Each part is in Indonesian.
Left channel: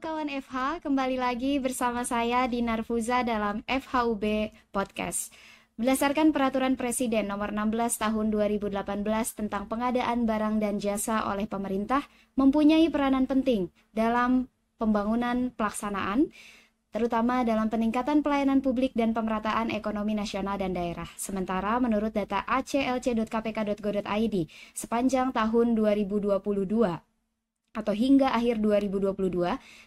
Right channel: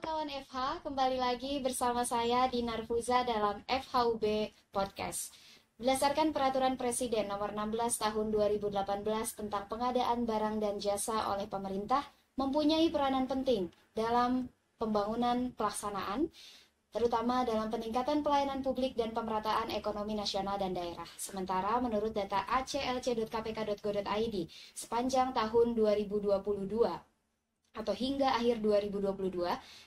kawan FH, kembali lagi bersama saya Dinar Fuza dalam FHUB Podcast. Berdasarkan Peraturan Presiden Nomor 16 Tahun 2018 tentang pengadaan barang dan jasa oleh pemerintah mempunyai peranan penting dalam pembangunan pelaksanaan, terutama dalam peningkatan pelayanan publik dan pemerataan ekonomi nasional dan daerah. Sementara menurut data aclc.kpk.go.id sepanjang tahun 2022 atau hingga akhir 2022,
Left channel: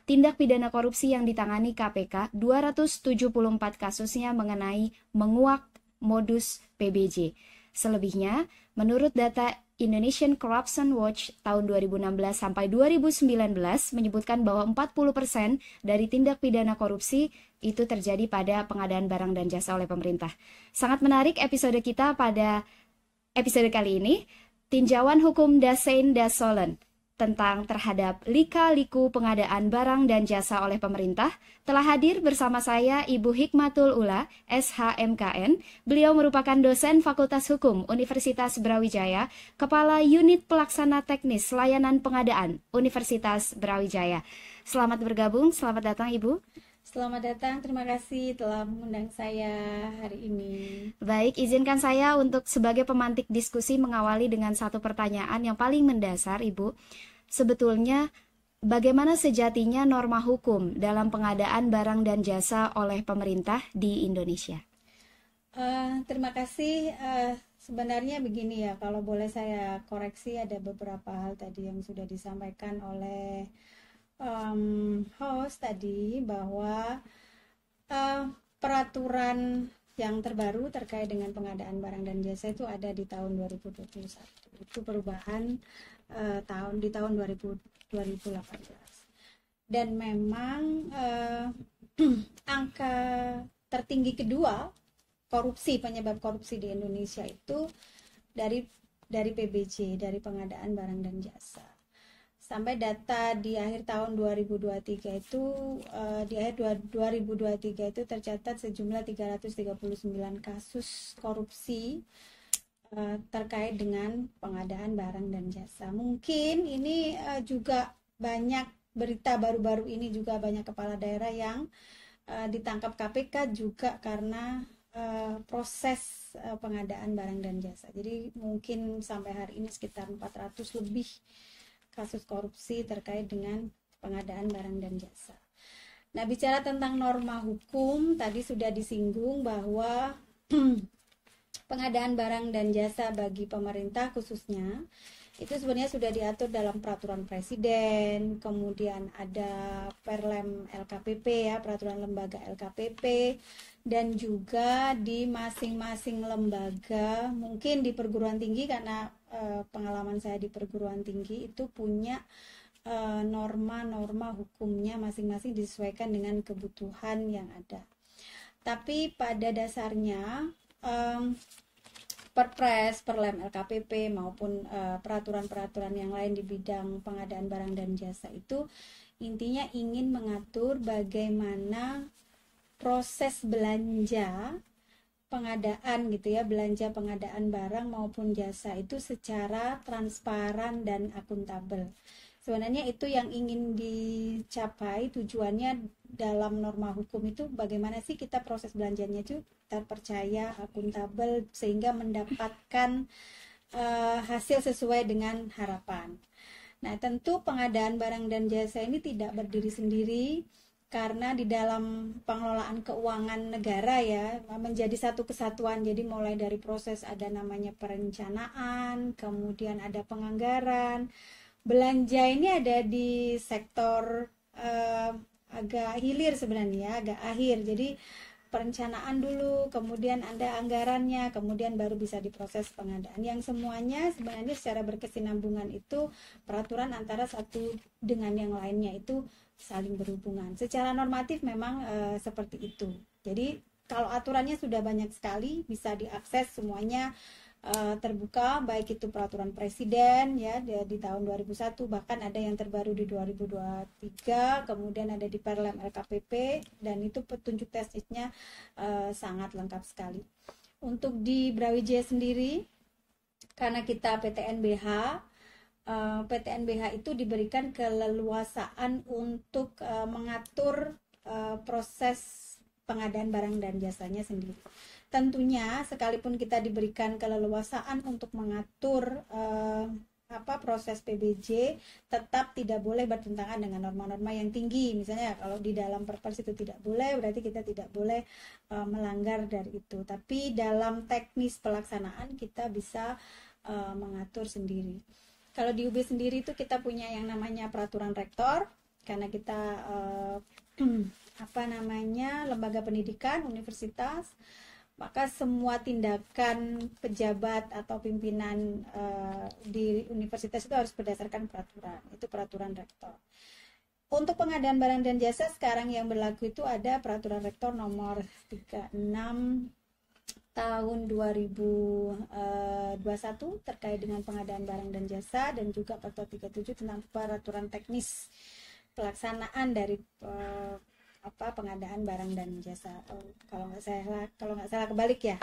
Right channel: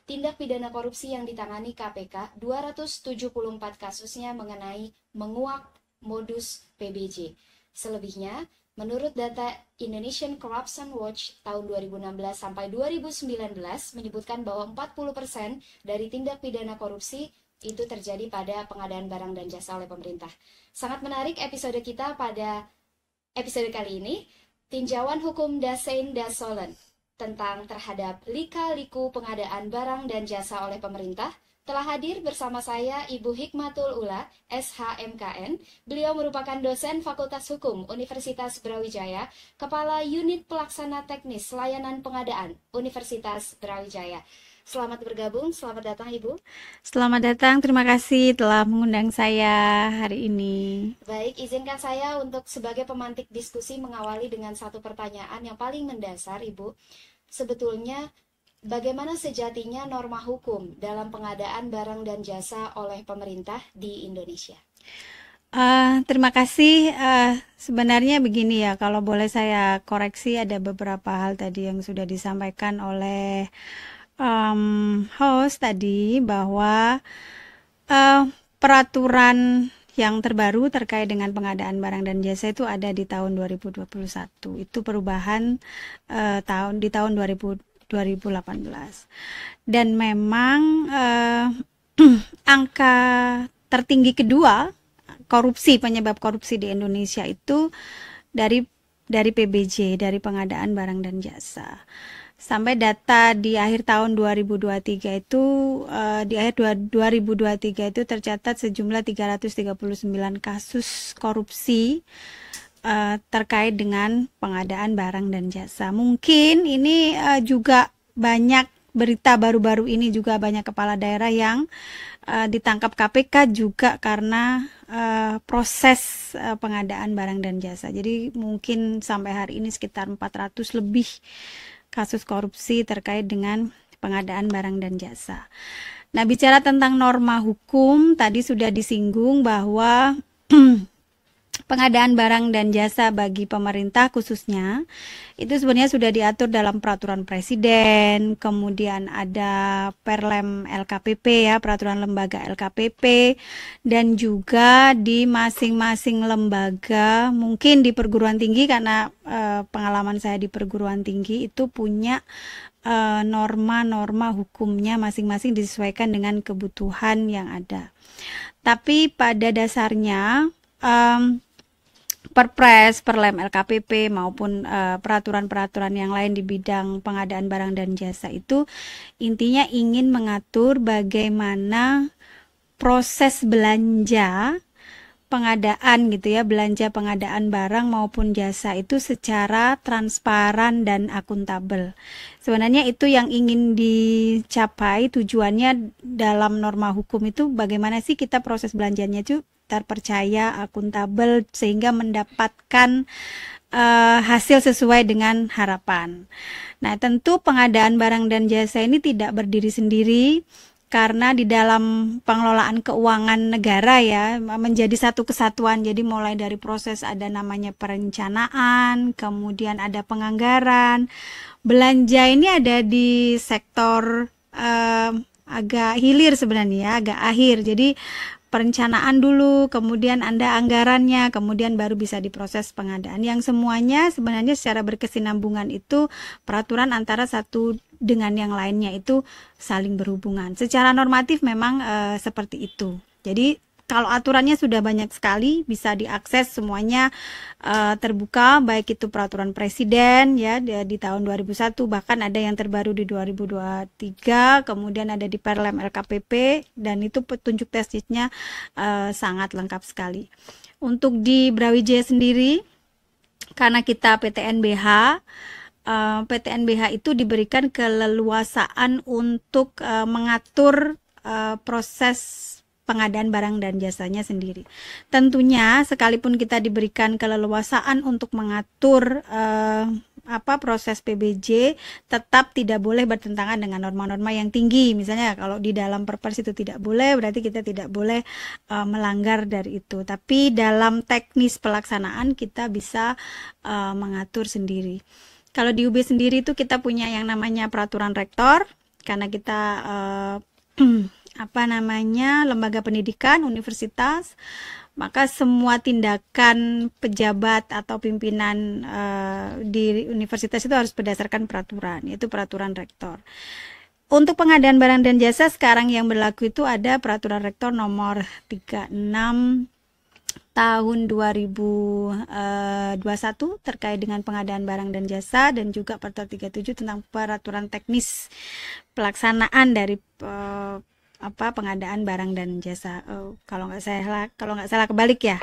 tindak pidana korupsi yang ditangani KPK 274 kasusnya mengenai menguak modus PBJ. Selebihnya, menurut data Indonesian Corruption Watch tahun 2016 sampai 2019 menyebutkan bahwa 40% dari tindak pidana korupsi itu terjadi pada pengadaan barang dan jasa oleh pemerintah. Sangat menarik episode kita pada episode kali ini, tinjauan hukum Dasein Dasolen tentang terhadap lika-liku pengadaan barang dan jasa oleh pemerintah. Telah hadir bersama saya Ibu Hikmatul Ula, SHMKN. Beliau merupakan dosen Fakultas Hukum Universitas Brawijaya, Kepala Unit Pelaksana Teknis Layanan Pengadaan Universitas Brawijaya. Selamat bergabung, selamat datang Ibu. Selamat datang, terima kasih telah mengundang saya hari ini. Baik, izinkan saya untuk sebagai pemantik diskusi mengawali dengan satu pertanyaan yang paling mendasar, Ibu. Sebetulnya, bagaimana sejatinya norma hukum dalam pengadaan barang dan jasa oleh pemerintah di Indonesia? Terima kasih. Sebenarnya begini ya, kalau boleh saya koreksi, ada beberapa hal tadi yang sudah disampaikan oleh host tadi, bahwa peraturan yang terbaru terkait dengan pengadaan barang dan jasa itu ada di tahun 2021. Itu perubahan di tahun 2018. Dan memang angka tertinggi kedua penyebab korupsi di Indonesia itu dari PBJ, dari pengadaan barang dan jasa. Sampai data di akhir tahun 2023 itu di akhir 2023 itu tercatat sejumlah 339 kasus korupsi terkait dengan pengadaan barang dan jasa. Mungkin ini juga banyak berita baru-baru ini juga banyak kepala daerah yang ditangkap KPK juga karena proses pengadaan barang dan jasa. Jadi mungkin sampai hari ini sekitar 400 lebih kasus korupsi terkait dengan pengadaan barang dan jasa. Nah, bicara tentang norma hukum, tadi sudah disinggung bahwa pengadaan barang dan jasa bagi pemerintah khususnya itu sebenarnya sudah diatur dalam peraturan presiden, kemudian ada Perlem LKPP ya, peraturan lembaga LKPP, dan juga di masing-masing lembaga, mungkin di perguruan tinggi karena pengalaman saya di perguruan tinggi itu punya norma-norma hukumnya masing-masing disesuaikan dengan kebutuhan yang ada. Tapi pada dasarnya Perpres, Perlem LKPP maupun peraturan-peraturan yang lain di bidang pengadaan barang dan jasa itu intinya ingin mengatur bagaimana proses belanja pengadaan gitu ya, belanja pengadaan barang maupun jasa itu secara transparan dan akuntabel. Sebenarnya itu yang ingin dicapai, tujuannya dalam norma hukum itu bagaimana sih kita proses belanjanya itu terpercaya, akuntabel, sehingga mendapatkan hasil sesuai dengan harapan. Nah, tentu pengadaan barang dan jasa ini tidak berdiri sendiri, karena di dalam pengelolaan keuangan negara ya menjadi satu kesatuan. Jadi mulai dari proses ada namanya perencanaan, kemudian ada penganggaran. Belanja ini ada di sektor agak hilir sebenarnya, agak akhir. Jadi perencanaan dulu, kemudian ada anggarannya, kemudian baru bisa diproses pengadaan. Yang semuanya sebenarnya secara berkesinambungan itu peraturan antara satu dengan yang lainnya itu saling berhubungan. Secara normatif memang seperti itu. Jadi kalau aturannya sudah banyak sekali, bisa diakses semuanya terbuka, baik itu peraturan presiden ya di tahun 2001, bahkan ada yang terbaru di 2023, kemudian ada di Perlem LKPP, dan itu petunjuk teknisnya sangat lengkap sekali. Untuk di Brawijaya sendiri, karena kita PTNBH, PTNBH itu diberikan keleluasaan untuk mengatur proses pengadaan barang dan jasanya sendiri. Tentunya sekalipun kita diberikan keleluasaan untuk mengatur proses PBJ, tetap tidak boleh bertentangan dengan norma-norma yang tinggi. Misalnya kalau di dalam Perpres itu tidak boleh, berarti kita tidak boleh melanggar dari itu. Tapi dalam teknis pelaksanaan kita bisa mengatur sendiri. Kalau di UB sendiri itu kita punya yang namanya peraturan rektor, karena kita lembaga pendidikan, universitas, maka semua tindakan pejabat atau pimpinan di universitas itu harus berdasarkan peraturan, yaitu peraturan rektor. Untuk pengadaan barang dan jasa sekarang yang berlaku itu ada peraturan rektor nomor 36 tahun 2021 terkait dengan pengadaan barang dan jasa, dan juga peraturan 37 tentang peraturan teknis pelaksanaan dari pengadaan barang dan jasa. Kalau nggak salah kebalik ya.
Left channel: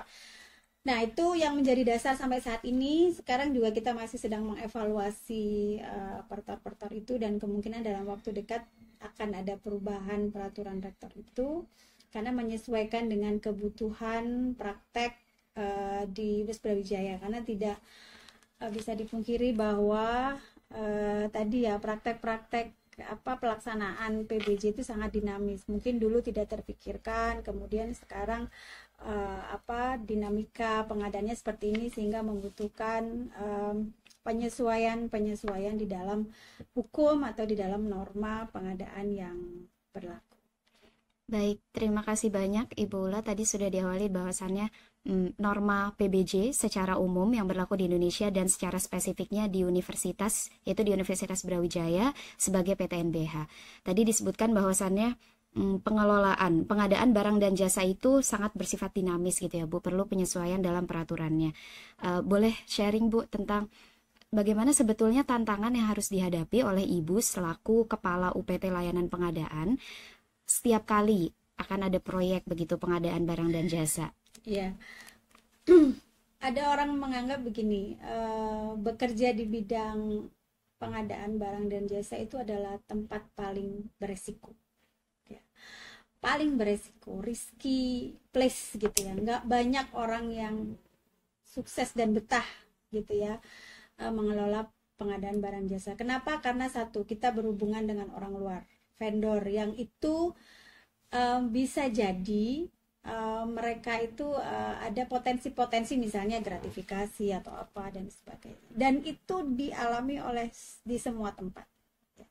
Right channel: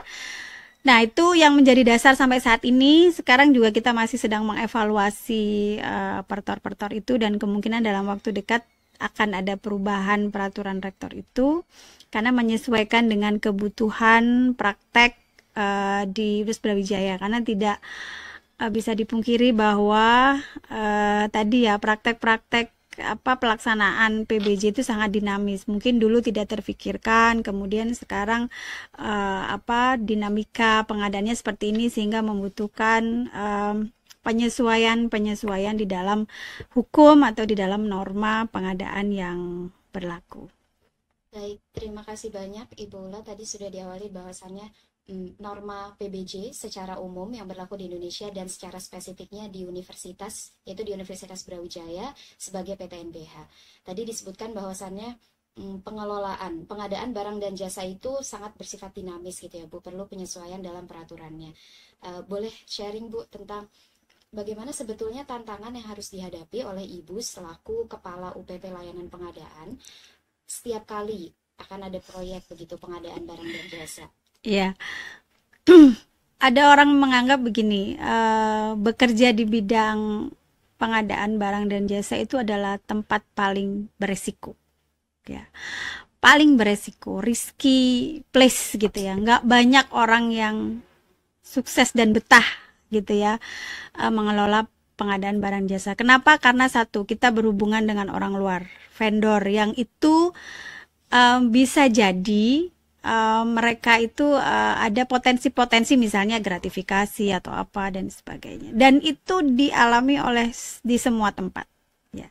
Nah, itu yang menjadi dasar sampai saat ini. Sekarang juga kita masih sedang mengevaluasi pertor-pertor itu, dan kemungkinan dalam waktu dekat akan ada perubahan peraturan rektor itu karena menyesuaikan dengan kebutuhan praktek di Universitas Brawijaya, karena tidak bisa dipungkiri bahwa tadi ya praktek-praktek pelaksanaan PBJ itu sangat dinamis. Mungkin dulu tidak terfikirkan, kemudian sekarang dinamika pengadaannya seperti ini sehingga membutuhkan penyesuaian di dalam hukum atau di dalam norma pengadaan yang berlaku. Baik, terima kasih banyak Ibu Ula. Tadi sudah diawali bahwasannya norma PBJ secara umum yang berlaku di Indonesia dan secara spesifiknya di universitas, yaitu di Universitas Brawijaya sebagai PTNBH. Tadi disebutkan bahwasannya pengadaan barang dan jasa itu sangat bersifat dinamis gitu ya Bu, perlu penyesuaian dalam peraturannya. Boleh sharing Bu tentang bagaimana sebetulnya tantangan yang harus dihadapi oleh Ibu selaku Kepala UPT Layanan Pengadaan setiap kali akan ada proyek begitu pengadaan barang dan jasa? Ya, ada orang menganggap begini, bekerja di bidang pengadaan barang dan jasa itu adalah tempat paling beresiko, ya, paling beresiko, risky place gitu ya. Nggak banyak orang yang sukses dan betah gitu ya mengelola pengadaan barang jasa. Kenapa? Karena satu, kita berhubungan dengan orang luar, vendor yang itu bisa jadi mereka itu ada potensi-potensi misalnya gratifikasi atau apa dan sebagainya, dan itu dialami di semua tempat ya,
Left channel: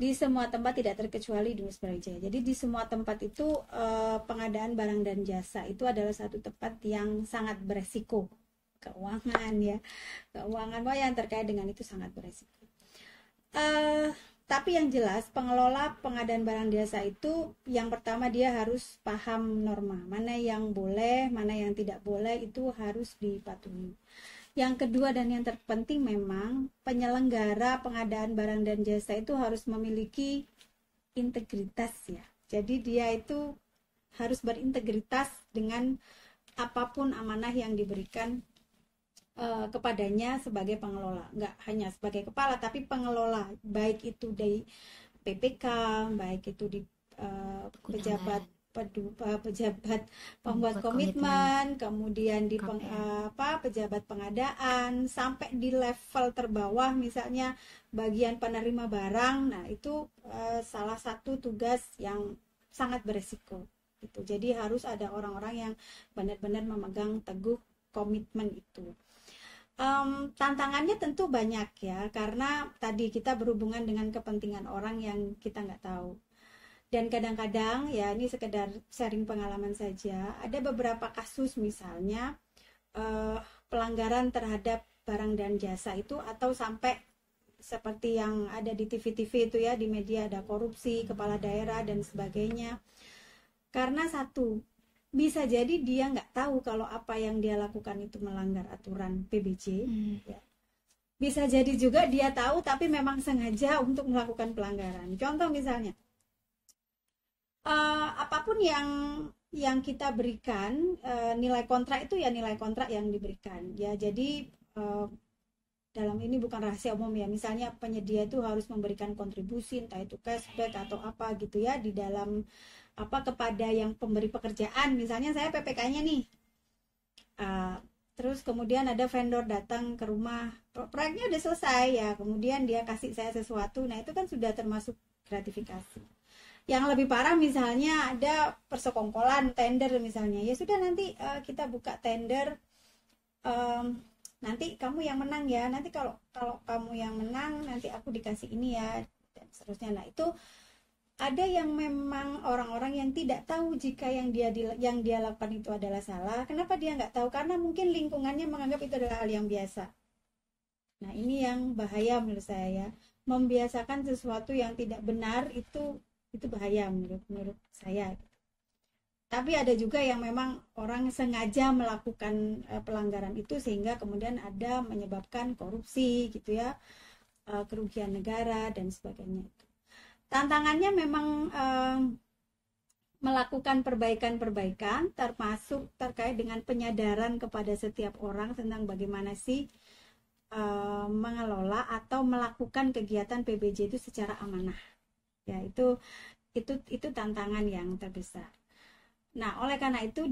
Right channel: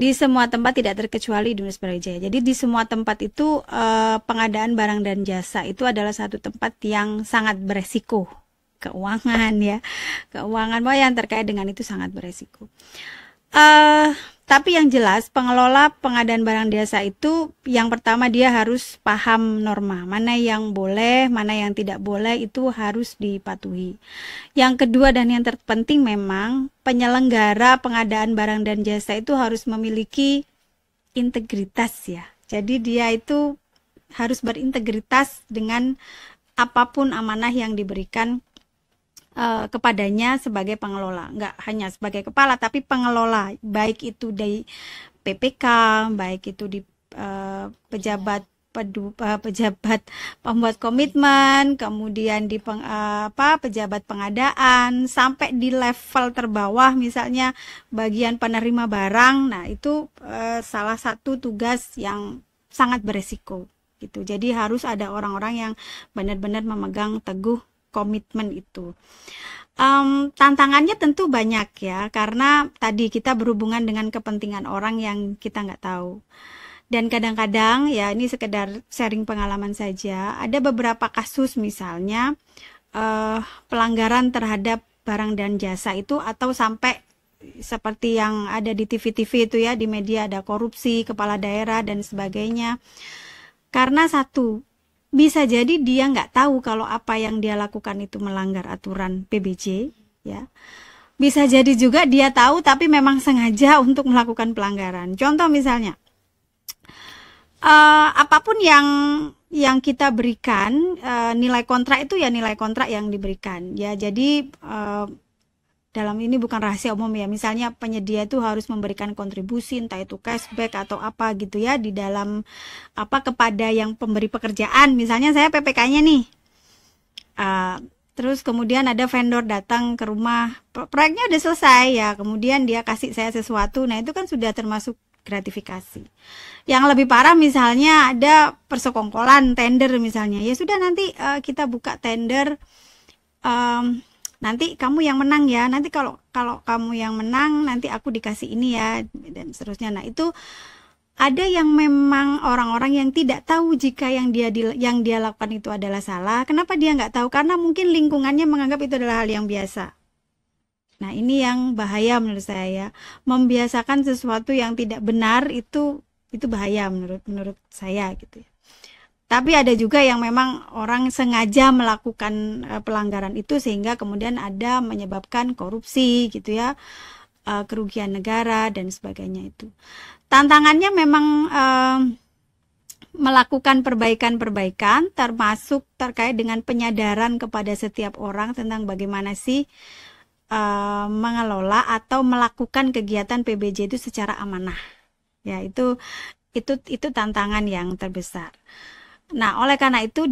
di semua tempat tidak terkecuali di Universitas Brawijaya. Jadi di semua tempat itu pengadaan barang dan jasa itu adalah satu tempat yang sangat beresiko, keuangan bahwa yang terkait dengan itu sangat beresiko. Tapi yang jelas pengelola pengadaan barang jasa itu yang pertama dia harus paham norma, mana yang boleh, mana yang tidak boleh, itu harus dipatuhi. Yang kedua dan yang terpenting memang penyelenggara pengadaan barang dan jasa itu harus memiliki integritas ya. Jadi dia itu harus berintegritas dengan apapun amanah yang diberikan kepadanya sebagai pengelola, nggak hanya sebagai kepala tapi pengelola, baik itu di PPK, baik itu di pejabat pembuat komitmen, kemudian di pejabat pengadaan, sampai di level terbawah misalnya bagian penerima barang. Nah itu salah satu tugas yang sangat beresiko gitu. Jadi harus ada orang-orang yang benar-benar memegang teguh komitmen itu. Tantangannya tentu banyak ya, karena tadi kita berhubungan dengan kepentingan orang yang kita nggak tahu. Dan kadang-kadang ya ini sekedar sharing pengalaman saja, ada beberapa kasus misalnya pelanggaran terhadap barang dan jasa itu, atau sampai seperti yang ada di TV-TV itu ya, di media ada korupsi kepala daerah dan sebagainya. Karena satu, bisa jadi dia nggak tahu kalau apa yang dia lakukan itu melanggar aturan PBJ ya. Bisa jadi juga dia tahu tapi memang sengaja untuk melakukan pelanggaran. Contoh misalnya apapun yang kita berikan, nilai kontrak itu ya nilai kontrak yang diberikan ya. Jadi dalam ini bukan rahasia umum ya, misalnya penyedia itu harus memberikan kontribusi entah itu cashback atau apa gitu ya di dalam apa kepada yang pemberi pekerjaan. Misalnya saya PPK-nya nih, terus kemudian ada vendor datang ke rumah, proyeknya udah selesai ya, kemudian dia kasih saya sesuatu, nah itu kan sudah termasuk gratifikasi. Yang lebih parah misalnya ada persekongkolan tender misalnya, ya sudah nanti kita buka tender, nanti kamu yang menang ya, nanti kalau kamu yang menang nanti aku dikasih ini ya, dan seterusnya. Nah itu ada yang memang orang-orang yang tidak tahu jika yang dia lakukan itu adalah salah. Kenapa dia nggak tahu? Karena mungkin lingkungannya menganggap itu adalah hal yang biasa. Nah ini yang bahaya menurut saya, membiasakan sesuatu yang tidak benar itu bahaya menurut saya gitu ya. Tapi ada juga yang memang orang sengaja melakukan pelanggaran itu sehingga kemudian ada menyebabkan korupsi gitu ya, kerugian negara dan sebagainya itu. Tantangannya memang melakukan perbaikan-perbaikan termasuk terkait dengan penyadaran kepada setiap orang tentang bagaimana sih mengelola atau melakukan kegiatan PBJ itu secara amanah. Ya, itu tantangan yang terbesar. Nah, oleh karena itu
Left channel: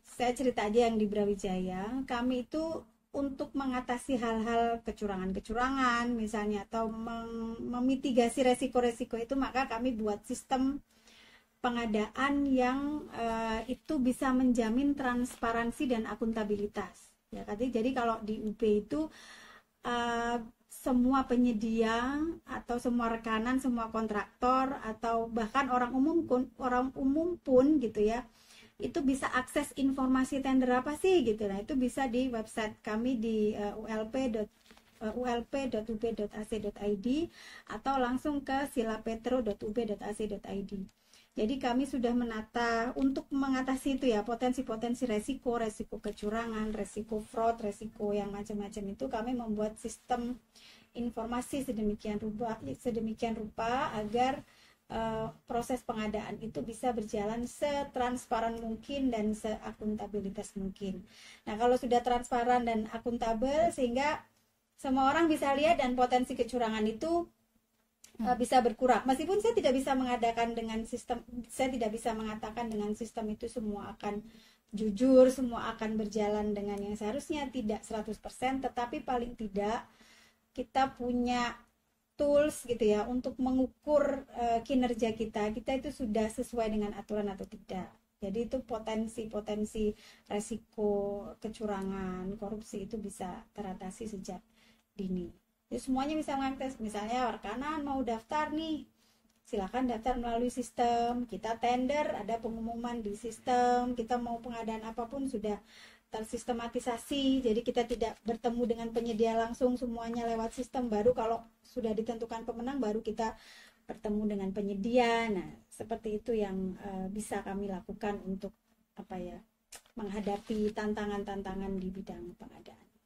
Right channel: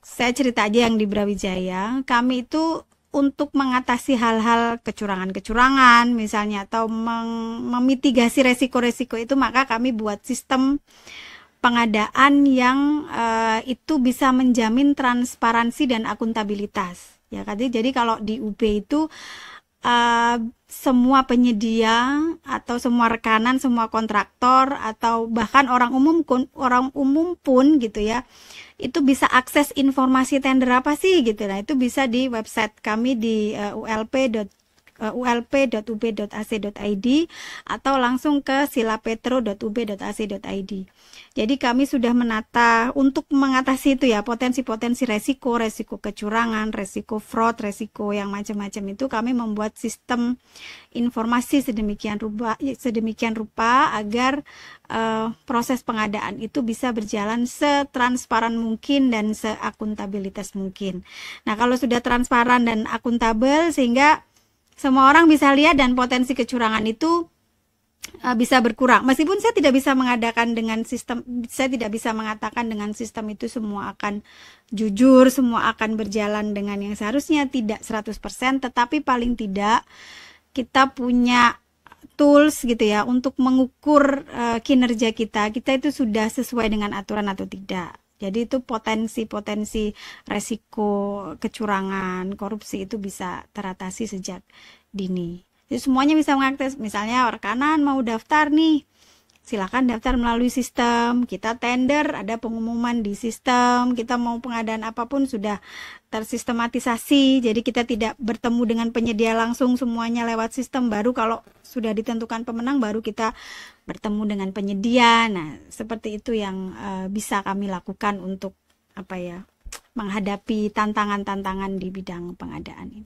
saya cerita aja yang di Brawijaya, kami itu untuk mengatasi hal-hal kecurangan-kecurangan misalnya atau memitigasi resiko-resiko itu, maka kami buat sistem pengadaan yang itu bisa menjamin transparansi dan akuntabilitas. Ya, jadi kalau di UB itu semua penyedia atau semua rekanan, semua kontraktor atau bahkan orang umum pun gitu ya, itu bisa akses informasi tender apa sih gitu. Nah itu bisa di website kami di ulp.ub.ac.id atau langsung ke silapetro.ub.ac.id. Jadi kami sudah menata untuk mengatasi itu ya, potensi-potensi resiko kecurangan, resiko fraud, resiko yang macam-macam itu kami membuat sistem informasi sedemikian rupa agar proses pengadaan itu bisa berjalan setransparan mungkin dan seakuntabilitas mungkin. Nah, kalau sudah transparan dan akuntabel sehingga semua orang bisa lihat dan potensi kecurangan itu bisa berkurang. Meskipun saya tidak bisa mengadakan dengan sistem, saya tidak bisa mengatakan dengan sistem itu semua akan jujur, semua akan berjalan dengan yang seharusnya, tidak 100%, tetapi paling tidak kita punya tools gitu ya untuk mengukur kinerja kita itu sudah sesuai dengan aturan atau tidak. Jadi itu potensi resiko kecurangan, korupsi itu bisa teratasi sejak dini. Jadi semuanya bisa mengakses, misalnya rekanan mau daftar nih, silakan daftar melalui sistem, kita tender, ada pengumuman di sistem, kita mau pengadaan apapun sudah tersistematisasi, jadi kita tidak bertemu dengan penyedia langsung, semuanya lewat sistem, baru kalau sudah ditentukan pemenang baru kita bertemu dengan penyedia. Nah, seperti itu yang bisa kami lakukan untuk menghadapi tantangan-tantangan di bidang pengadaan ini.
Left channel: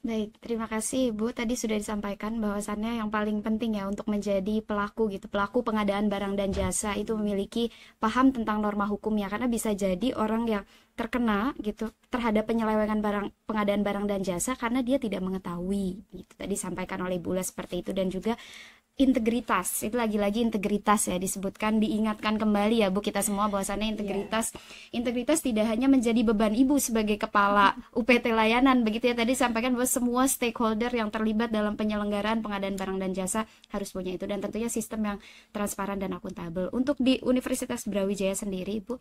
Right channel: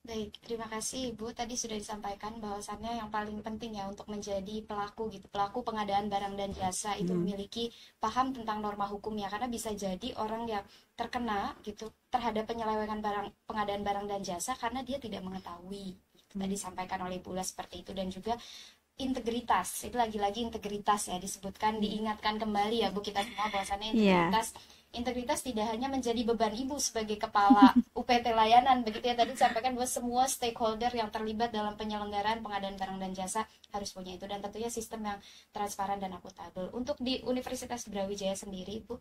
Baik, terima kasih Ibu. Tadi sudah disampaikan bahwasannya yang paling penting ya untuk menjadi pelaku pengadaan barang dan jasa itu memiliki paham tentang norma hukumnya, karena bisa jadi orang yang terkena gitu terhadap penyelewengan pengadaan barang dan jasa karena dia tidak mengetahui. Itu tadi disampaikan oleh Ibu seperti itu, dan juga integritas, itu lagi-lagi integritas ya disebutkan, diingatkan kembali ya Bu kita semua bahwasannya integritas tidak hanya menjadi beban Ibu sebagai kepala UPT layanan begitu ya, tadi sampaikan bahwa semua stakeholder yang terlibat dalam penyelenggaraan pengadaan barang dan jasa harus punya itu, dan tentunya sistem yang transparan dan akuntabel. Untuk di Universitas Brawijaya sendiri Ibu,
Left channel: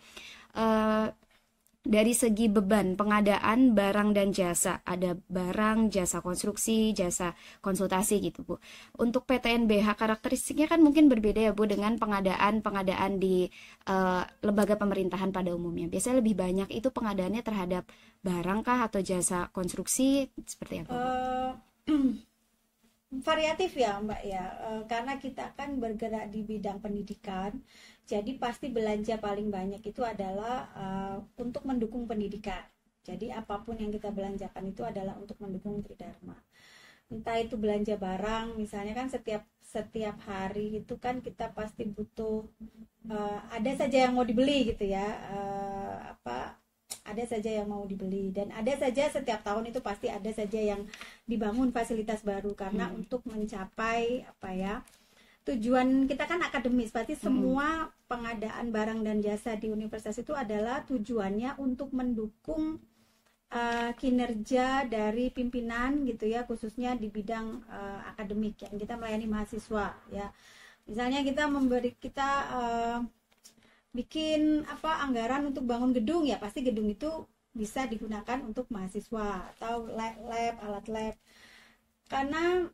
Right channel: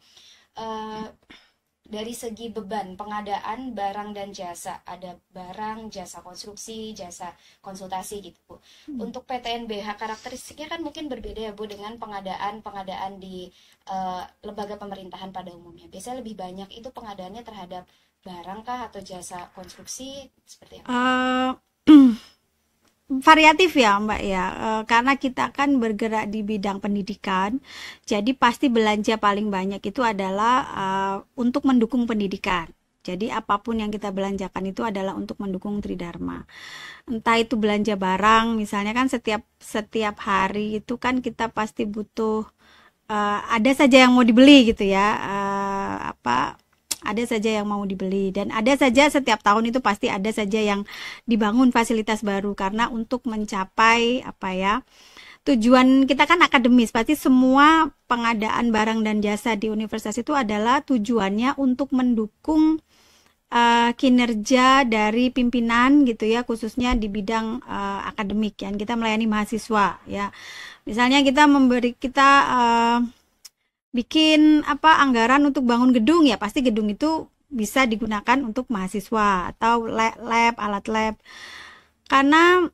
dari segi beban pengadaan barang dan jasa, ada barang, jasa konstruksi, jasa konsultasi gitu Bu. Untuk PTNBH karakteristiknya kan mungkin berbeda ya Bu dengan pengadaan di lembaga pemerintahan pada umumnya. Biasanya lebih banyak itu pengadaannya terhadap barang kah atau jasa konstruksi, seperti apa? Variatif ya Mbak ya, karena kita kan bergerak di bidang pendidikan, jadi pasti belanja paling banyak itu adalah untuk mendukung pendidikan. Jadi apapun yang kita belanjakan itu adalah untuk mendukung Tridharma. Entah itu belanja barang, misalnya kan setiap hari itu kan kita pasti butuh ada saja yang mau dibeli gitu ya, ada saja yang mau dibeli, dan ada saja setiap tahun itu pasti ada saja yang dibangun fasilitas baru karena untuk mencapai apa ya, tujuan kita kan akademis, pasti semua pengadaan barang dan jasa di universitas itu adalah tujuannya untuk mendukung kinerja dari pimpinan gitu ya, khususnya di bidang akademik ya. Kita melayani mahasiswa ya. Misalnya kita bikin apa anggaran untuk bangun gedung ya, pasti gedung itu bisa digunakan untuk mahasiswa atau lab, alat lab. Karena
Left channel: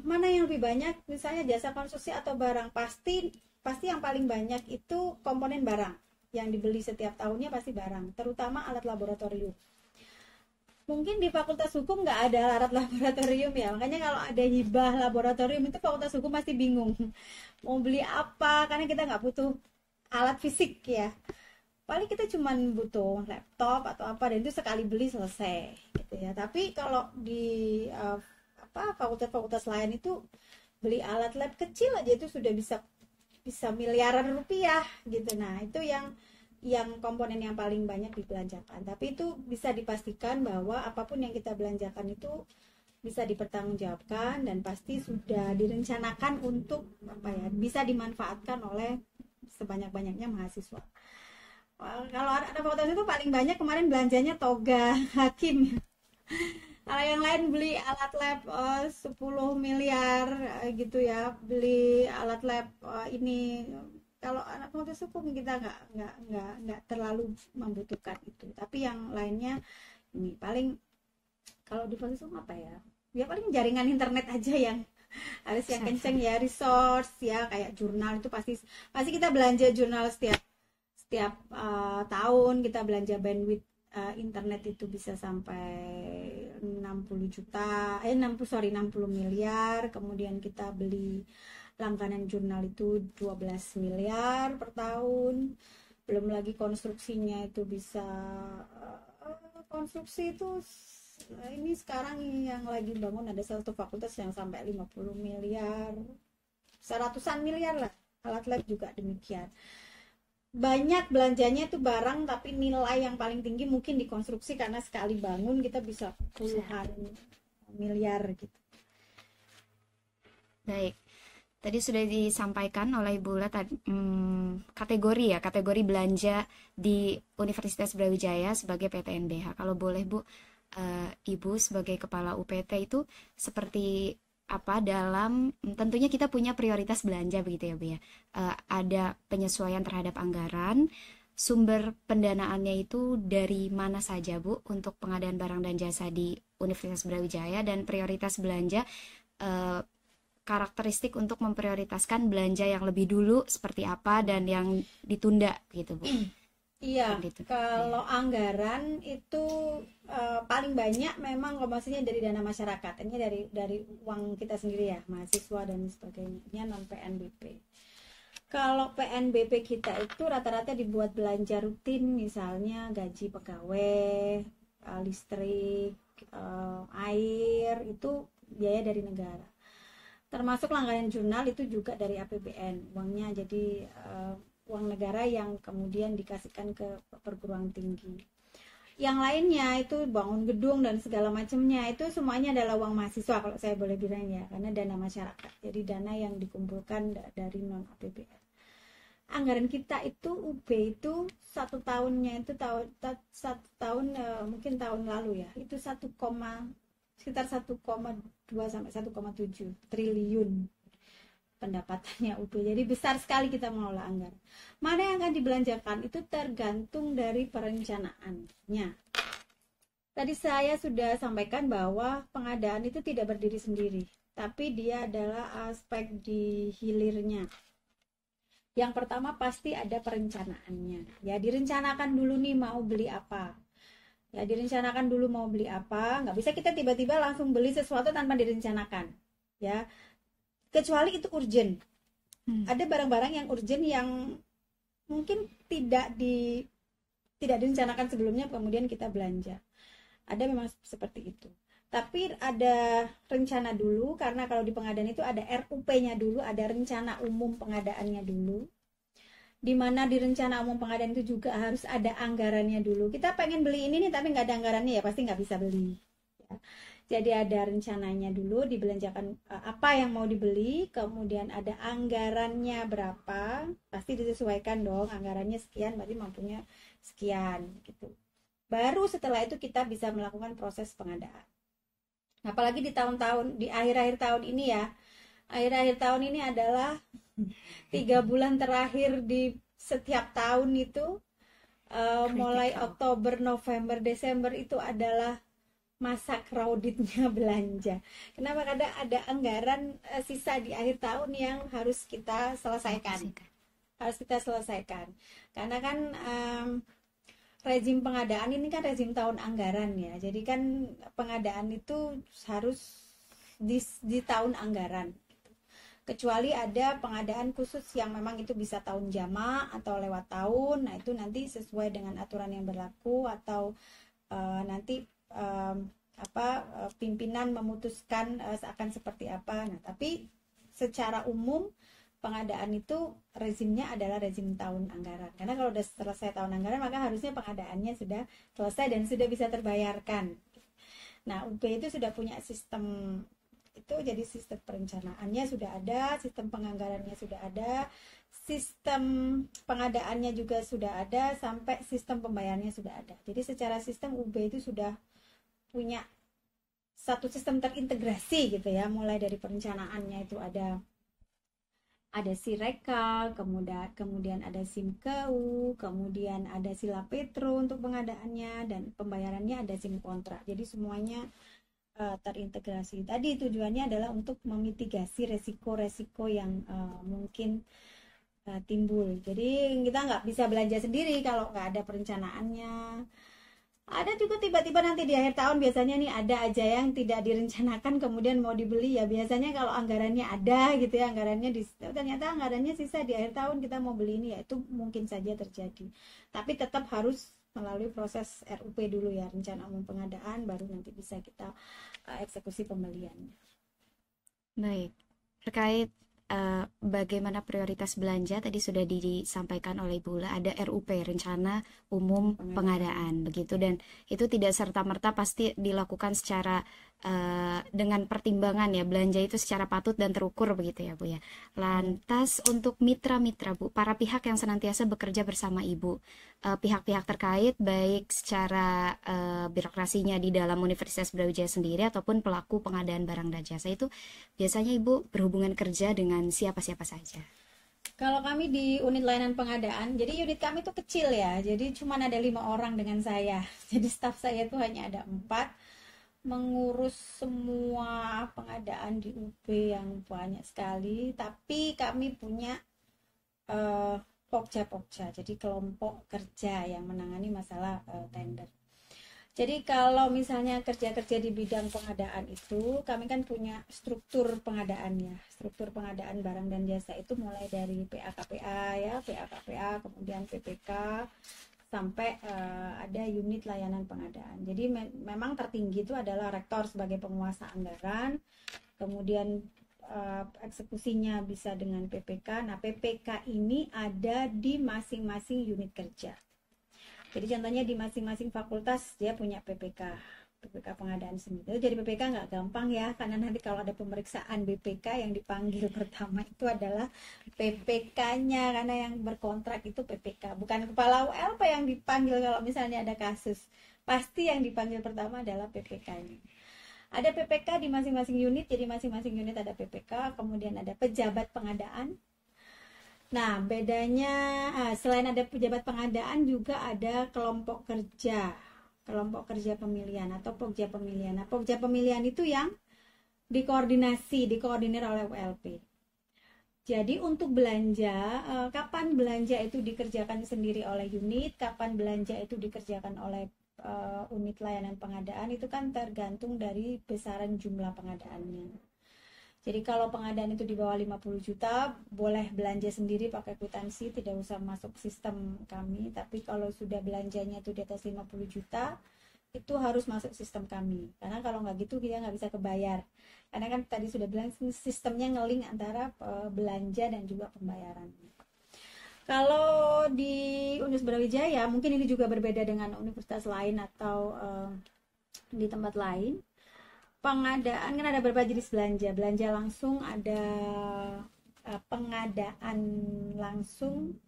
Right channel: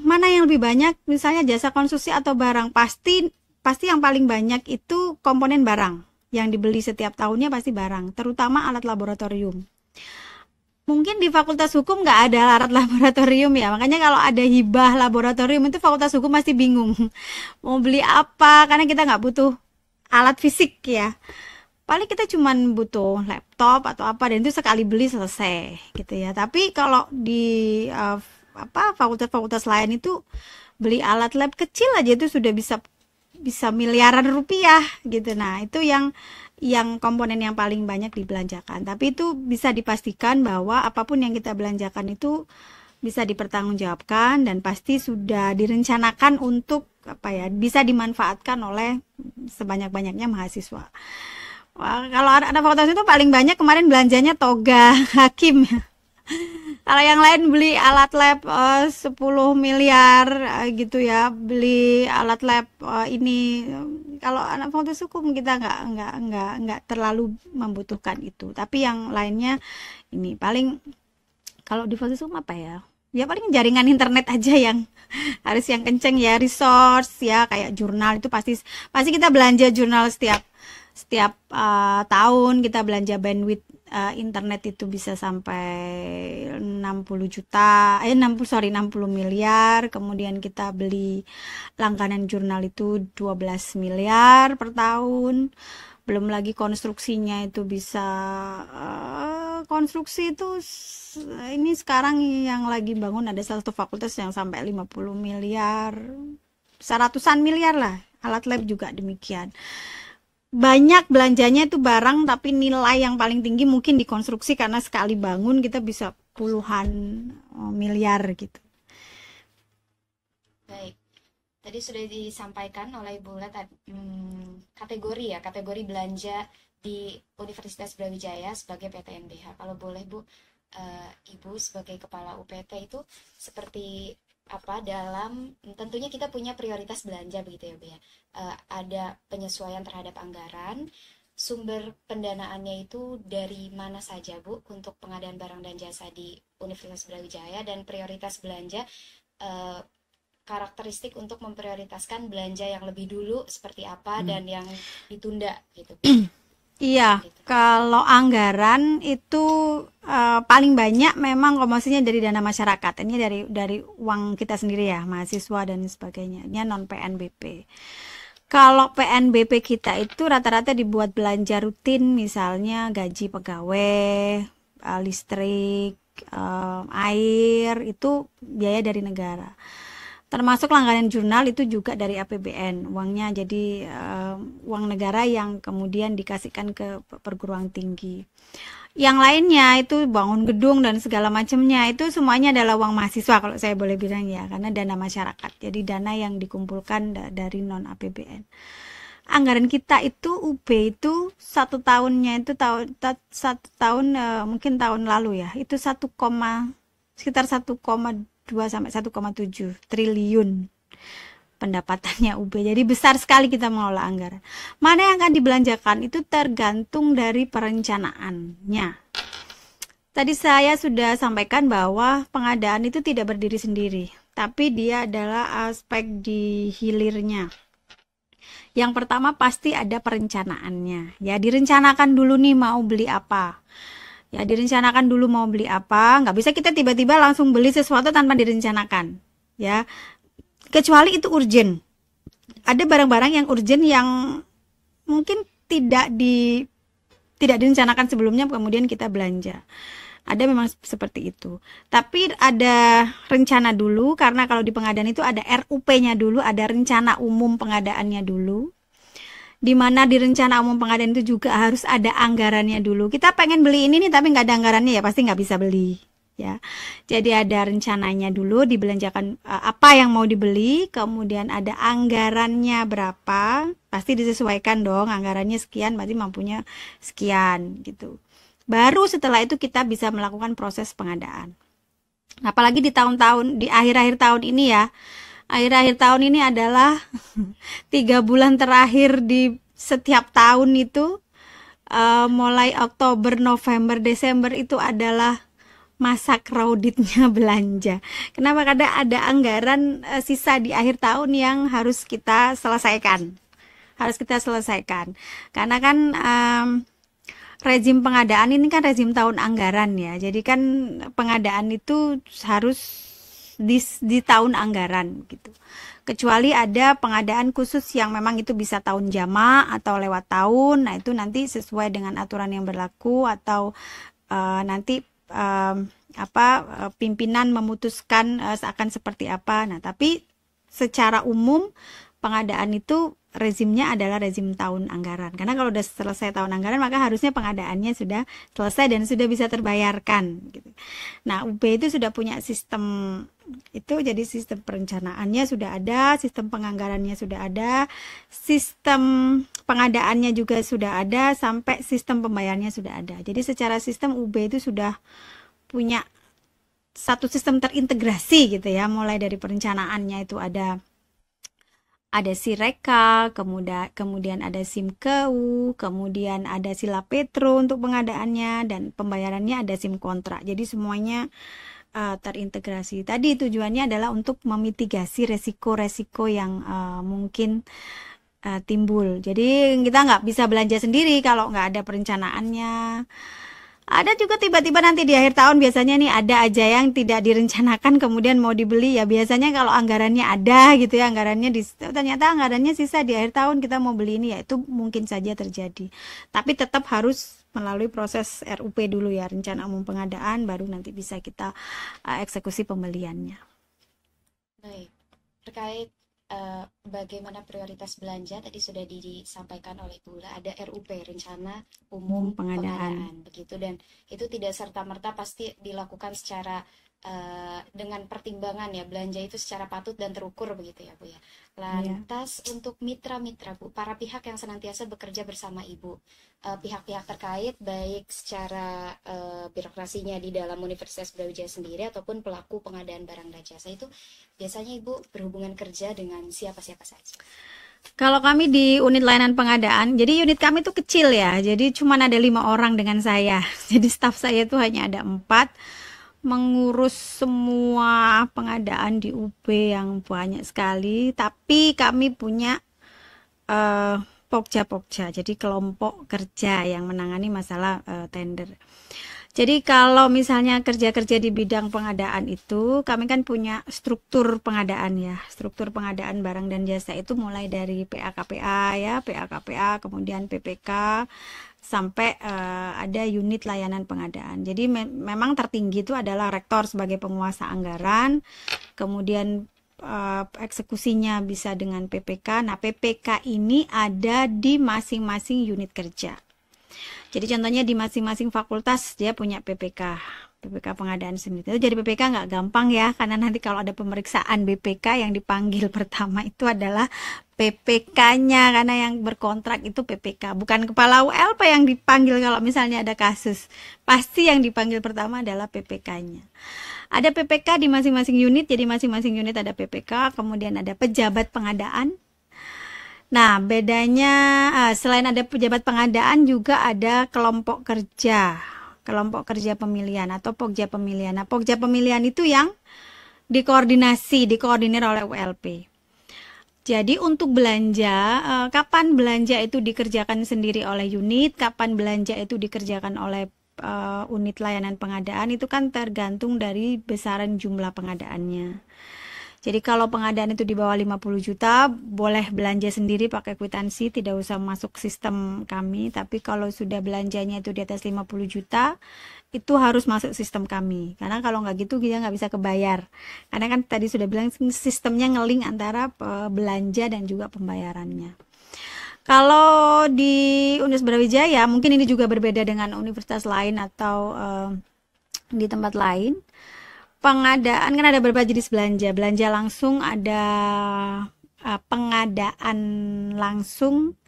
mana yang lebih banyak, misalnya jasa konstruksi atau barang, pasti yang paling banyak itu komponen barang yang dibeli setiap tahunnya, pasti barang, terutama alat laboratorium. Mungkin di Fakultas Hukum nggak ada alat laboratorium ya, makanya kalau ada hibah laboratorium itu Fakultas Hukum masih bingung mau beli apa, karena kita nggak butuh alat fisik ya, paling kita cuman butuh laptop atau apa, dan itu sekali beli selesai gitu ya. Tapi kalau di fakultas-fakultas lain itu beli alat lab kecil aja itu sudah bisa miliaran rupiah gitu. Nah itu yang komponen yang paling banyak dibelanjakan. Tapi itu bisa dipastikan bahwa apapun yang kita belanjakan itu bisa dipertanggungjawabkan dan pasti sudah direncanakan untuk apa ya, bisa dimanfaatkan oleh sebanyak-banyaknya mahasiswa. Wah, kalau anak fakultas itu paling banyak kemarin belanjanya toga hakim. Kalau yang lain beli alat lab 10 miliar gitu ya, beli alat lab ini. Kalau anak fakultas hukum kita nggak terlalu membutuhkan itu. Tapi yang lainnya ini paling, kalau di fakultas hukum apa ya? Ya paling jaringan internet aja yang harus yang kenceng ya, resource ya, kayak jurnal itu pasti kita belanja jurnal setiap tahun. Kita belanja bandwidth internet itu bisa sampai 60 miliar. Kemudian kita beli langganan jurnal itu 12 miliar per tahun. Belum lagi konstruksinya itu bisa konstruksi itu ini sekarang yang lagi bangun ada satu fakultas yang sampai 50 miliar, seratusan miliar lah. Alat lab juga demikian. Banyak belanjanya itu barang, tapi nilai yang paling tinggi mungkin di konstruksi karena sekali bangun kita bisa puluhan miliar gitu. Baik. Tadi sudah disampaikan oleh Ibu Ula kategori belanja di Universitas Brawijaya sebagai PTNBH. Kalau boleh Bu, Ibu sebagai Kepala UPT itu seperti apa dalam, tentunya kita punya prioritas belanja begitu ya Bu ya. Ada penyesuaian terhadap anggaran, sumber pendanaannya itu dari mana saja Bu untuk pengadaan barang dan jasa di Universitas Brawijaya, dan prioritas belanja karakteristik untuk memprioritaskan belanja yang lebih dulu seperti apa dan yang ditunda gitu Bu. Iya, gitu. Kalau anggaran itu paling banyak memang komposisinya dari dana masyarakat. Ini dari uang kita sendiri ya, mahasiswa dan sebagainya. Ini non PNBP. Kalau PNBP kita itu rata-rata dibuat belanja rutin, misalnya gaji pegawai, listrik, air, itu biaya dari negara. Termasuk langganan jurnal itu juga dari APBN uangnya, jadi uang negara yang kemudian dikasihkan ke perguruan tinggi. Yang lainnya itu bangun gedung dan segala macamnya, itu semuanya adalah uang mahasiswa kalau saya boleh bilang ya, karena dana masyarakat, jadi dana yang dikumpulkan dari non APBN. Anggaran kita itu UB itu satu tahunnya itu satu tahun mungkin tahun lalu ya itu sekitar 1,2 sampai 1,7 triliun pendapatannya UB. Jadi besar sekali kita mengelola anggaran. Mana yang akan dibelanjakan itu tergantung dari perencanaannya. Tadi saya sudah sampaikan bahwa pengadaan itu tidak berdiri sendiri, tapi dia adalah aspek di hilirnya. Yang pertama pasti ada perencanaannya. Ya, direncanakan dulu nih mau beli apa. Ya, direncanakan dulu mau beli apa. Nggak bisa kita tiba-tiba langsung beli sesuatu tanpa direncanakan. Ya, kecuali itu urgent. Ada barang-barang yang urgent yang mungkin tidak direncanakan sebelumnya, kemudian kita belanja. Ada memang seperti itu. Tapi ada rencana dulu, karena kalau di pengadaan itu ada RUP-nya dulu, ada rencana umum pengadaannya dulu. di mana di rencana umum pengadaan itu juga harus ada anggarannya dulu. Kita pengen beli ini nih tapi nggak ada anggarannya, ya pasti nggak bisa beli ya. Jadi ada rencananya dulu, dibelanjakan apa yang mau dibeli, kemudian ada anggarannya berapa, pasti disesuaikan dong, anggarannya sekian berarti mampunya sekian gitu. Baru setelah itu kita bisa melakukan proses pengadaan. Apalagi di tahun-tahun, di akhir-akhir tahun ini ya, akhir-akhir tahun ini adalah 3 bulan terakhir di setiap tahun itu, mulai Oktober, November, Desember itu adalah masa crowdednya belanja. Kenapa? Karena ada anggaran sisa di akhir tahun yang harus kita selesaikan. Karena kan rezim pengadaan ini kan rezim tahun anggaran ya. Jadi kan pengadaan itu harus di tahun anggaran gitu. Kecuali ada pengadaan khusus yang memang itu bisa tahun jama atau lewat tahun. Nah, itu nanti sesuai dengan aturan yang berlaku atau nanti pimpinan memutuskan akan seperti apa. Nah, tapi secara umum pengadaan itu rezimnya adalah rezim tahun anggaran. Karena kalau udah selesai tahun anggaran, maka harusnya pengadaannya sudah selesai dan sudah bisa terbayarkan gitu. Nah, UB itu sudah punya sistem itu, jadi sistem perencanaannya sudah ada, sistem penganggarannya sudah ada, sistem pengadaannya juga sudah ada, sampai sistem pembayarannya sudah ada. Jadi secara sistem UB itu sudah punya satu sistem terintegrasi gitu ya, mulai dari perencanaannya itu ada Sireka, kemudian ada SIMKEU, kemudian ada Sila Petro untuk pengadaannya, dan pembayarannya ada SIM kontrak. Jadi semuanya terintegrasi. Tadi tujuannya adalah untuk memitigasi resiko-resiko yang mungkin timbul. Jadi kita nggak bisa belanja sendiri kalau nggak ada perencanaannya. Ada juga tiba-tiba nanti di akhir tahun biasanya nih ada aja yang tidak direncanakan kemudian mau dibeli ya. Biasanya kalau anggarannya ada gitu ya, ternyata anggarannya sisa di akhir tahun kita mau beli ini, ya itu mungkin saja terjadi. Tapi tetap harus melalui proses RUP dulu ya, rencana umum pengadaan, baru nanti bisa kita eksekusi pembeliannya. Baik, terkait bagaimana prioritas belanja tadi sudah disampaikan oleh Ibu Ula, ada RUP, rencana umum pengadaan begitu, dan itu tidak serta-merta pasti dilakukan secara dengan pertimbangan ya, belanja itu secara patut dan terukur begitu ya Bu ya. Lantas untuk mitra-mitra Bu, para pihak yang senantiasa bekerja bersama Ibu, pihak-pihak terkait baik secara birokrasinya di dalam Universitas Brawijaya sendiri ataupun pelaku pengadaan barang dan jasa, itu biasanya Ibu berhubungan kerja dengan siapa-siapa saja? Kalau kami di unit layanan pengadaan, jadi unit kami itu kecil ya, jadi cuma ada 5 orang dengan saya. Jadi staf saya itu hanya ada 4, mengurus semua pengadaan di UB yang banyak sekali. Tapi kami punya Pokja, jadi kelompok kerja yang menangani masalah tender. Jadi kalau misalnya kerja-kerja di bidang pengadaan itu, kami kan punya struktur pengadaan ya. Struktur pengadaan barang dan jasa itu mulai dari PA-KPA ya, PA-KPA, kemudian PPK, sampai ada unit layanan pengadaan. Jadi memang tertinggi itu adalah rektor sebagai penguasa anggaran, kemudian eksekusinya bisa dengan PPK. Nah, PPK ini ada di masing-masing unit kerja. Jadi contohnya di masing-masing fakultas dia punya PPK pengadaan sendiri. Jadi PPK nggak gampang ya, karena nanti kalau ada pemeriksaan BPK yang dipanggil pertama itu adalah PPK-nya, karena yang berkontrak itu PPK, bukan kepala ULP yang dipanggil kalau misalnya ada kasus. Pasti yang dipanggil pertama adalah PPK-nya. Ada PPK di masing-masing unit, jadi masing-masing unit ada PPK, kemudian ada pejabat pengadaan. Nah, bedanya selain ada pejabat pengadaan juga ada kelompok kerja pemilihan atau Pokja pemilihan. Nah, Pokja pemilihan itu yang dikoordinir oleh ULP. Jadi untuk belanja, kapan belanja itu dikerjakan sendiri oleh unit, kapan belanja itu dikerjakan oleh unit layanan pengadaan, itu kan tergantung dari besaran jumlah pengadaannya. Jadi kalau pengadaan itu di bawah 50 juta, boleh belanja sendiri pakai kwitansi, tidak usah masuk sistem kami. Tapi kalau sudah belanjanya itu di atas 50 juta, itu harus masuk sistem kami. Karena kalau nggak gitu dia nggak bisa kebayar. Karena kan tadi sudah bilang sistemnya ngeling antara belanja dan juga pembayarannya. Kalau di Universitas Brawijaya, mungkin ini juga berbeda dengan universitas lain atau di tempat lain. Pengadaan kan ada beberapa jenis belanja. Belanja langsung ada pengadaan langsung,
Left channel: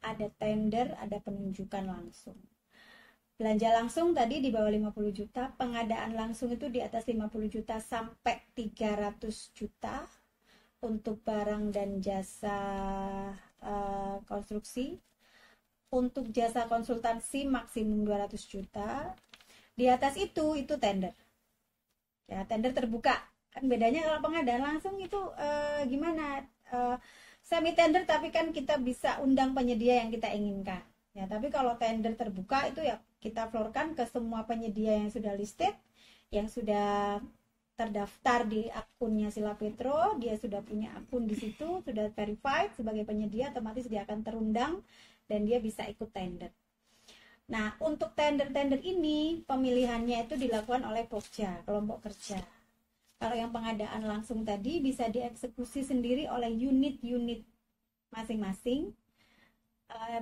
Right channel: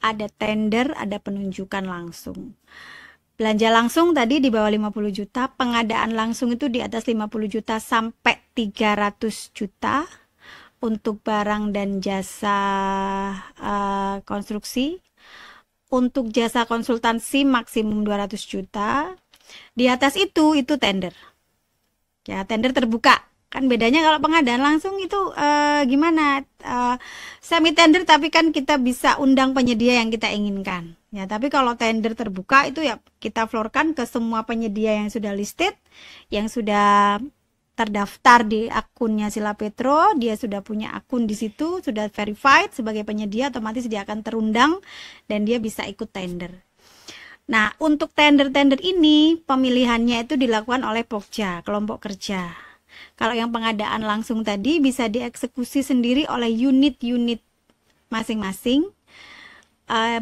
ada tender, ada penunjukan langsung. Belanja langsung tadi di bawah 50 juta, pengadaan langsung itu di atas 50 juta sampai 300 juta untuk barang dan jasa konstruksi. Untuk jasa konsultansi maksimum 200 juta. Di atas itu tender. Ya, tender terbuka. Kan bedanya kalau pengadaan langsung itu gimana? Semi tender tapi kan kita bisa undang penyedia yang kita inginkan. Ya, tapi kalau tender terbuka itu ya kita floorkan ke semua penyedia yang sudah listed, yang sudah terdaftar di akunnya Sila Petro, dia sudah punya akun di situ, sudah verified sebagai penyedia, otomatis dia akan terundang dan dia bisa ikut tender. Nah, untuk tender-tender ini pemilihannya itu dilakukan oleh Pokja, kelompok kerja. Kalau yang pengadaan langsung tadi bisa dieksekusi sendiri oleh unit-unit masing-masing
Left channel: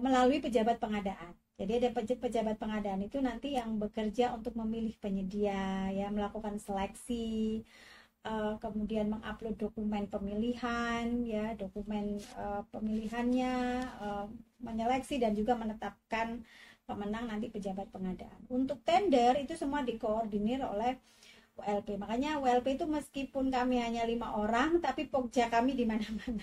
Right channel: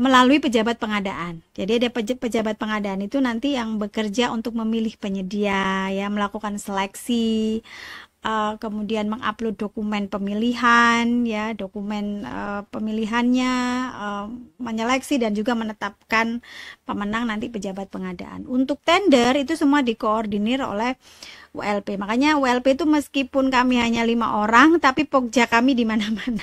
melalui pejabat pengadaan. Jadi ada pejabat pengadaan itu nanti yang bekerja untuk memilih penyedia, ya, melakukan seleksi, kemudian mengupload dokumen pemilihan, ya, dokumen pemilihannya, menyeleksi dan juga menetapkan pemenang nanti pejabat pengadaan. Untuk tender itu semua dikoordinir oleh WLP. Makanya WLP itu meskipun kami hanya 5 orang, tapi Pokja kami di mana-mana.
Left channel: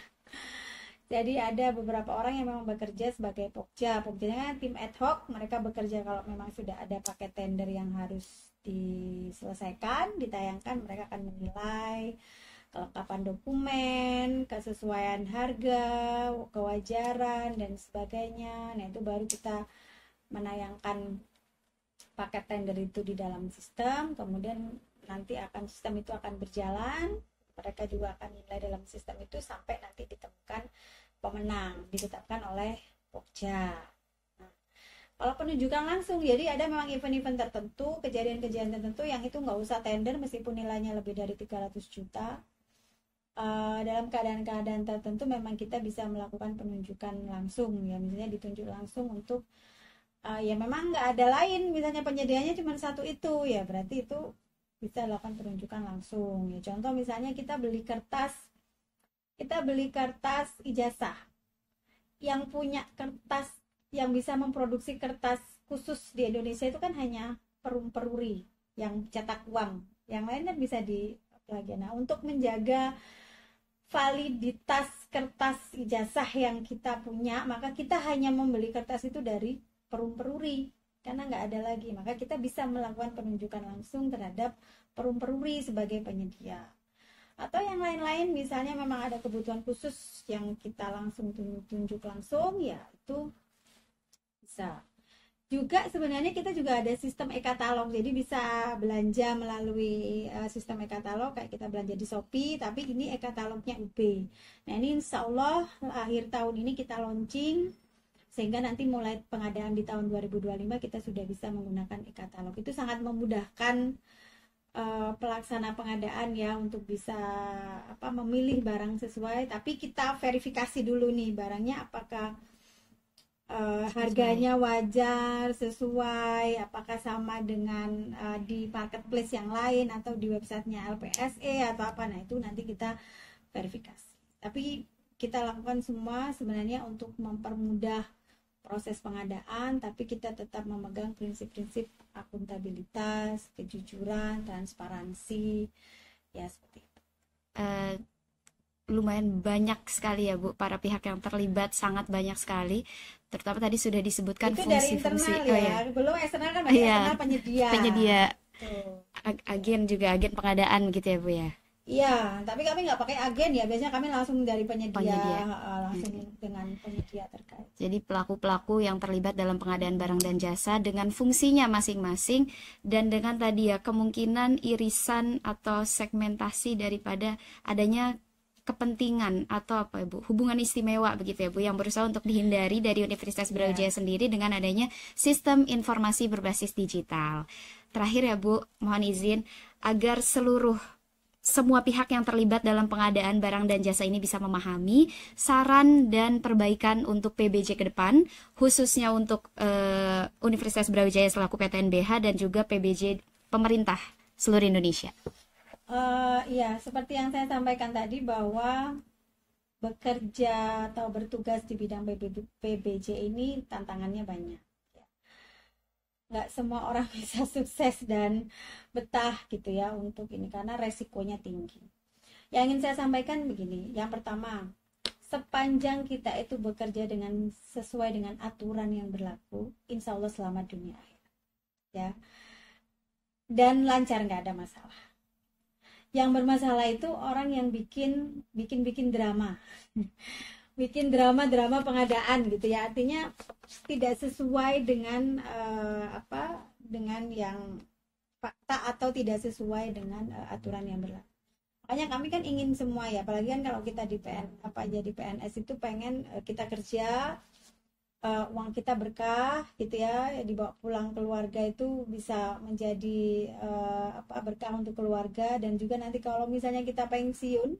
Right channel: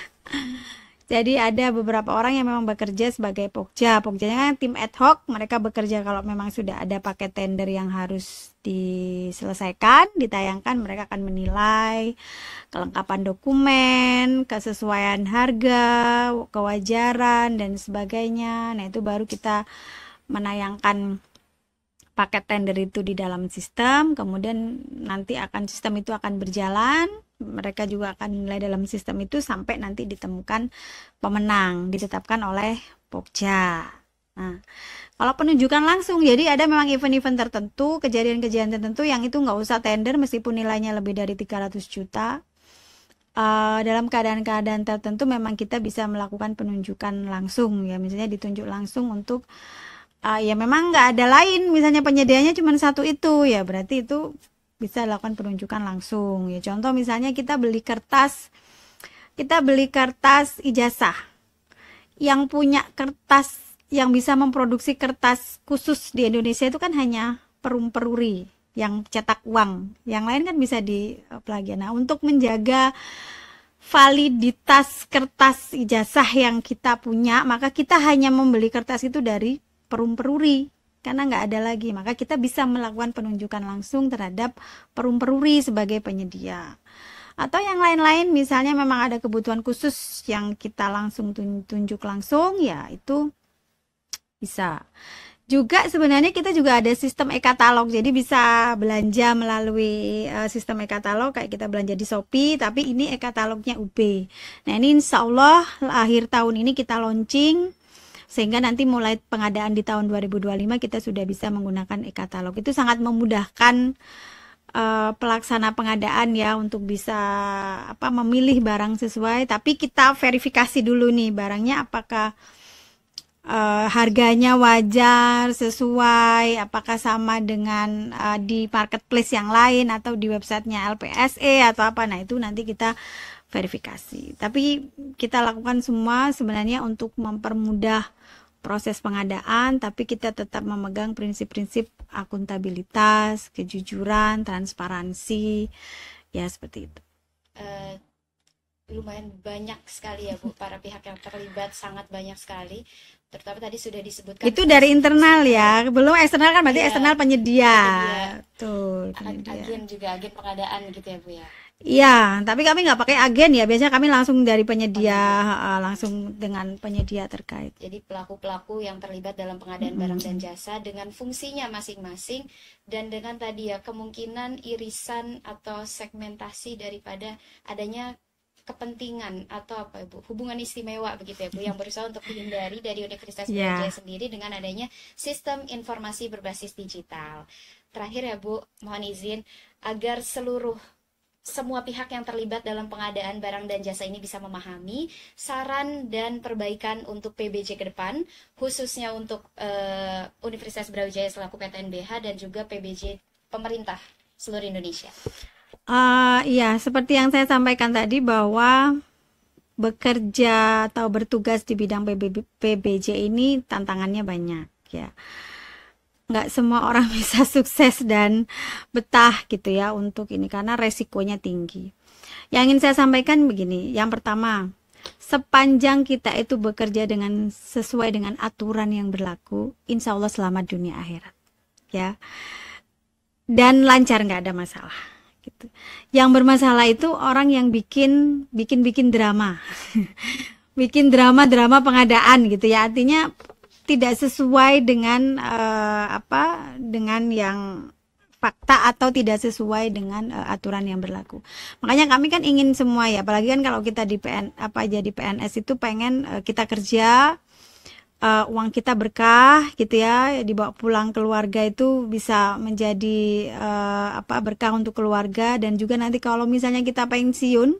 Jadi ada beberapa orang yang memang bekerja sebagai Pokja. Pogjanya kan tim ad hoc, mereka bekerja kalau memang sudah ada paket tender yang harus diselesaikan, ditayangkan, mereka akan menilai kelengkapan dokumen, kesesuaian harga, kewajaran, dan sebagainya. Nah, itu baru kita menayangkan paket tender itu di dalam sistem, kemudian nanti sistem itu akan berjalan, mereka juga akan nilai dalam sistem itu sampai nanti ditemukan pemenang, ditetapkan oleh Pokja. Nah, kalau penunjukan langsung, jadi ada memang event-event tertentu, kejadian-kejadian tertentu yang itu nggak usah tender meskipun nilainya lebih dari 300 juta. Dalam keadaan-keadaan tertentu memang kita bisa melakukan penunjukan langsung, ya, misalnya ditunjuk langsung untuk ya memang nggak ada lain, misalnya penyediaannya cuma satu itu, ya berarti itu bisa lakukan penunjukan langsung. Ya contoh misalnya kita beli kertas ijazah, yang punya kertas, yang bisa memproduksi kertas khusus di Indonesia itu kan hanya Perum Peruri yang cetak uang, yang lain kan bisa di plagian. Nah, untuk menjaga validitas kertas ijazah yang kita punya, maka kita hanya membeli kertas itu dari Perum Peruri karena nggak ada lagi, maka kita bisa melakukan penunjukan langsung terhadap Perum Peruri sebagai penyedia. Atau yang lain-lain, misalnya memang ada kebutuhan khusus yang kita langsung tunjuk langsung, ya itu bisa. Juga sebenarnya kita juga ada sistem e-katalog, jadi bisa belanja melalui sistem e-katalog kayak kita belanja di Shopee, tapi ini e-katalognya UB. Nah, ini insya Allah akhir tahun ini kita launching, sehingga nanti mulai pengadaan di tahun 2025 kita sudah bisa menggunakan e-katalog. Itu sangat memudahkan pelaksana pengadaan, ya, untuk bisa memilih barang sesuai, tapi kita verifikasi dulu nih barangnya apakah harganya wajar, sesuai, apakah sama dengan di marketplace yang lain atau di websitenya LPSE atau apa. Nah, itu nanti kita verifikasi. Tapi kita lakukan semua sebenarnya untuk mempermudah proses pengadaan, tapi kita tetap memegang prinsip-prinsip akuntabilitas, kejujuran, transparansi, ya seperti itu. Lumayan banyak sekali ya Bu, para pihak yang terlibat, sangat banyak sekali. Terutama tadi sudah disebutkan itu dari internal ya, belum eksternal kan, berarti eksternal penyedia. Tuh, agen juga, agen pengadaan gitu ya Bu ya. Iya, tapi kami nggak pakai agen ya, biasanya kami langsung dari penyedia. Langsung dengan penyedia terkait. Jadi pelaku-pelaku yang terlibat dalam pengadaan barang dan jasa dengan fungsinya masing-masing, dan dengan tadi ya kemungkinan irisan atau segmentasi daripada adanya kepentingan atau apa Bu, hubungan istimewa begitu ya Bu, yang berusaha untuk dihindari dari Universitas Brawijaya sendiri dengan adanya sistem informasi berbasis digital. Terakhir ya Bu, mohon izin agar seluruh semua pihak yang terlibat dalam pengadaan barang dan jasa ini bisa memahami saran dan perbaikan untuk PBJ ke depan, khususnya untuk Universitas Brawijaya selaku PTNBH dan juga PBJ pemerintah seluruh Indonesia. Ya, seperti yang saya sampaikan tadi bahwa bekerja atau bertugas di bidang PBJ ini tantangannya banyak ya. Nggak semua orang bisa sukses dan betah gitu ya untuk ini karena resikonya tinggi. Yang ingin saya sampaikan begini, yang pertama, sepanjang kita itu bekerja sesuai dengan aturan yang berlaku, insya Allah selamat dunia akhirat ya, dan lancar, nggak ada masalah gitu. Yang bermasalah itu orang yang bikin drama bikin drama pengadaan gitu ya, artinya tidak sesuai dengan dengan yang fakta atau tidak sesuai dengan aturan yang berlaku. Makanya kami kan ingin semua ya, apalagi kan kalau kita di jadi PNS itu pengen kita kerja, uang kita berkah gitu ya, dibawa pulang keluarga itu bisa menjadi berkah untuk keluarga, dan juga nanti kalau misalnya kita pensiun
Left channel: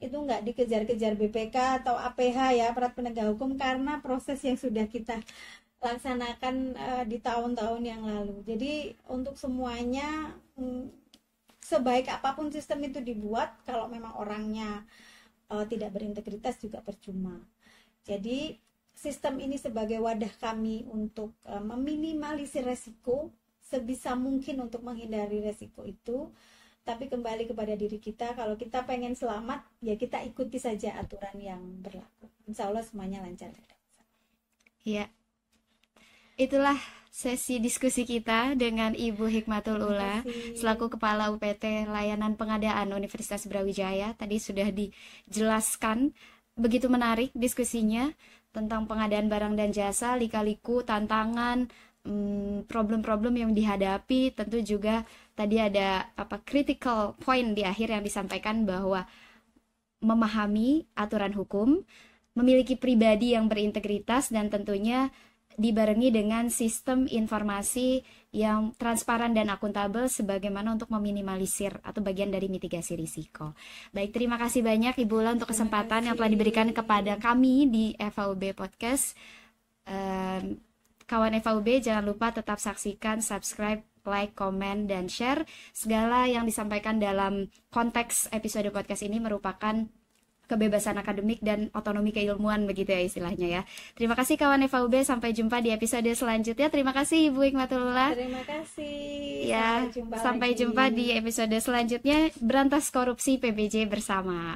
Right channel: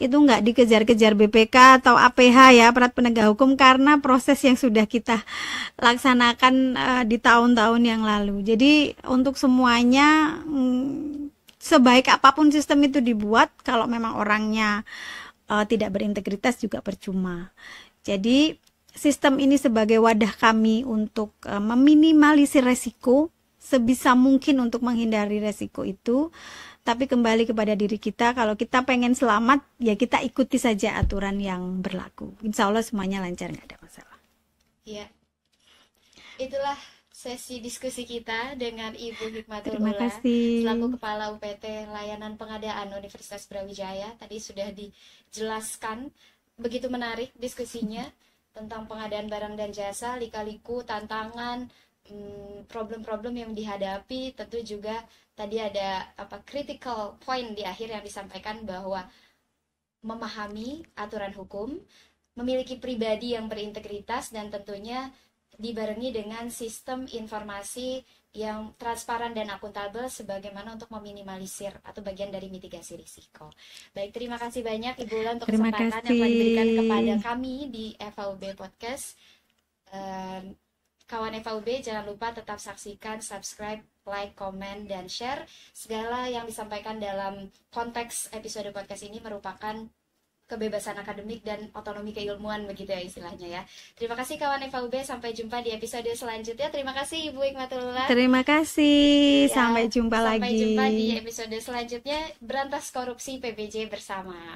itu nggak dikejar-kejar BPK atau APH ya, aparat penegak hukum, karena proses yang sudah kita laksanakan di tahun-tahun yang lalu. Jadi untuk semuanya, sebaik apapun sistem itu dibuat, kalau memang orangnya tidak berintegritas juga percuma. Jadi sistem ini sebagai wadah kami untuk meminimalisir resiko sebisa mungkin untuk menghindari resiko itu. Tapi kembali kepada diri kita, kalau kita pengen selamat ya kita ikuti saja aturan yang berlaku. Insya Allah semuanya lancar, nggak ada masalah. Iya, itulah sesi diskusi kita dengan Ibu Hikmatul Ula selaku Kepala UPT Layanan Pengadaan Universitas Brawijaya. Tadi sudah dijelaskan, begitu menarik diskusinya tentang pengadaan barang dan jasa, lika-liku, tantangan, problem-problem yang dihadapi. Tentu juga tadi ada critical point di akhir yang disampaikan bahwa memahami aturan hukum, memiliki pribadi yang berintegritas, dan tentunya dibarengi dengan sistem informasi yang transparan dan akuntabel sebagaimana untuk meminimalisir atau bagian dari mitigasi risiko. Baik, terima kasih banyak Ibu Ula untuk kesempatan yang telah diberikan kepada kami di FHUB Podcast. Kawan FHUB, jangan lupa tetap saksikan, subscribe, like, komen, dan share. Segala yang disampaikan dalam konteks episode podcast ini merupakan kebebasan akademik dan otonomi keilmuan, begitu ya istilahnya ya. Terima kasih kawan FHUB, sampai jumpa di episode selanjutnya. Terima kasih Ibu Hikmatul Ula. Terima kasih, sampai jumpa lagi. Sampai jumpa di episode selanjutnya, Berantas Korupsi PBJ bersama.